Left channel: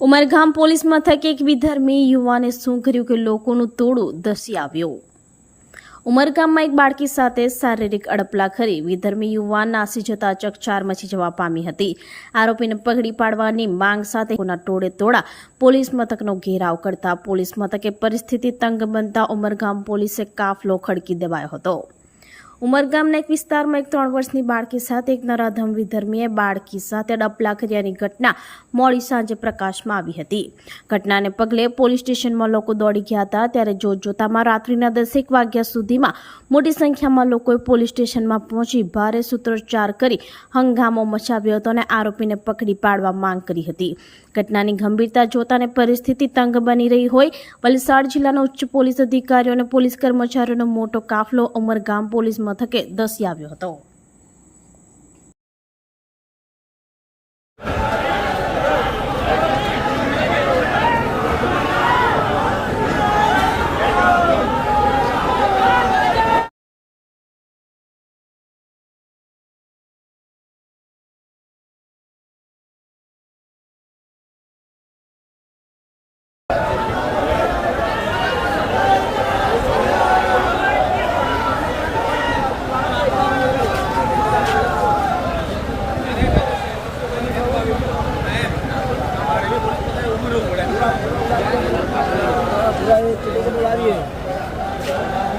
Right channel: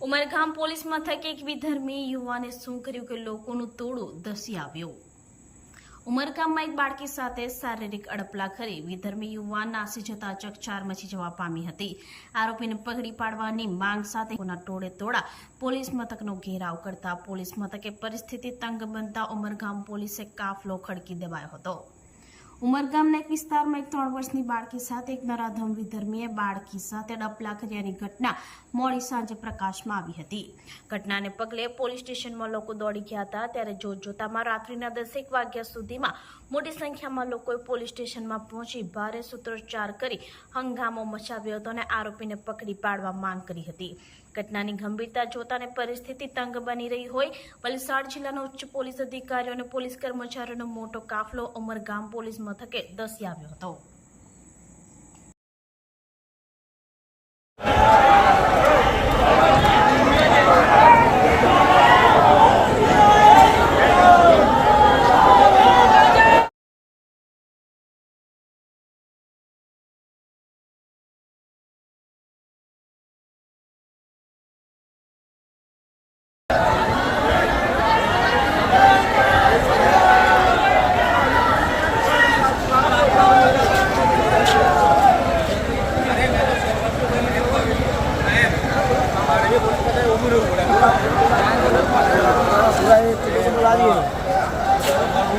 Umargam police મથકે એક વિધર્મી યુવાને શું કર્યું કે લોકોનું ટોળું ધસી આવ્યું. ઉમરગામમાં એક બાળકી સાથે શારીરિક અડપલા કરી વિધર્મી યુવાન નાસી જતા ચકચાર મચી જવા પામી હતી. આરોપીને પકડી પાડવાની માંગ સાથે કોના ટોળે તોડા પોલીસ મથકનો ઘેરાવ કરતા પોલીસ મથકે પરિસ્થિતિ તંગ બનતા ઉમરગામ પોલીસે કાફલો ખડકી દેવાયો હતો. ઉમરગામના એક વિસ્તારમાં એક ત્રણ વર્ષની બાળકી સાથે એક નરાધમ વિધર્મીએ બાળકી સાથે ડપલા કર્યાની ઘટના મોડી સાંજે પ્રકાશમાં આવી હતી. ઘટનાને પગલે પોલીસ સ્ટેશનમાં લોકો દોડી ગયા હતા. ત્યારે જોતજોતામાં રાત્રિના દસેક વાગ્યા સુધીમાં મોટી સંખ્યામાં લોકોએ પોલીસ સ્ટેશનમાં પહોંચી ભારે સૂત્રોચ્ચાર કરી હંગામો મચાવ્યો હતો અને આરોપીને પકડી પાડવા માંગ કરી હતી. ઘટનાની ગંભીરતા જોતાને પરિસ્થિતિ તંગ બની રહી હોય, વલસાડ જિલ્લાના ઉચ્ચ પોલીસ અધિકારીઓ અને પોલીસ કર્મચારીઓનો મોટો કાફલો ઉમરગામ પોલીસ મથકે ધસી આવ્યો હતો. पूरा ये चिकन बुला रही है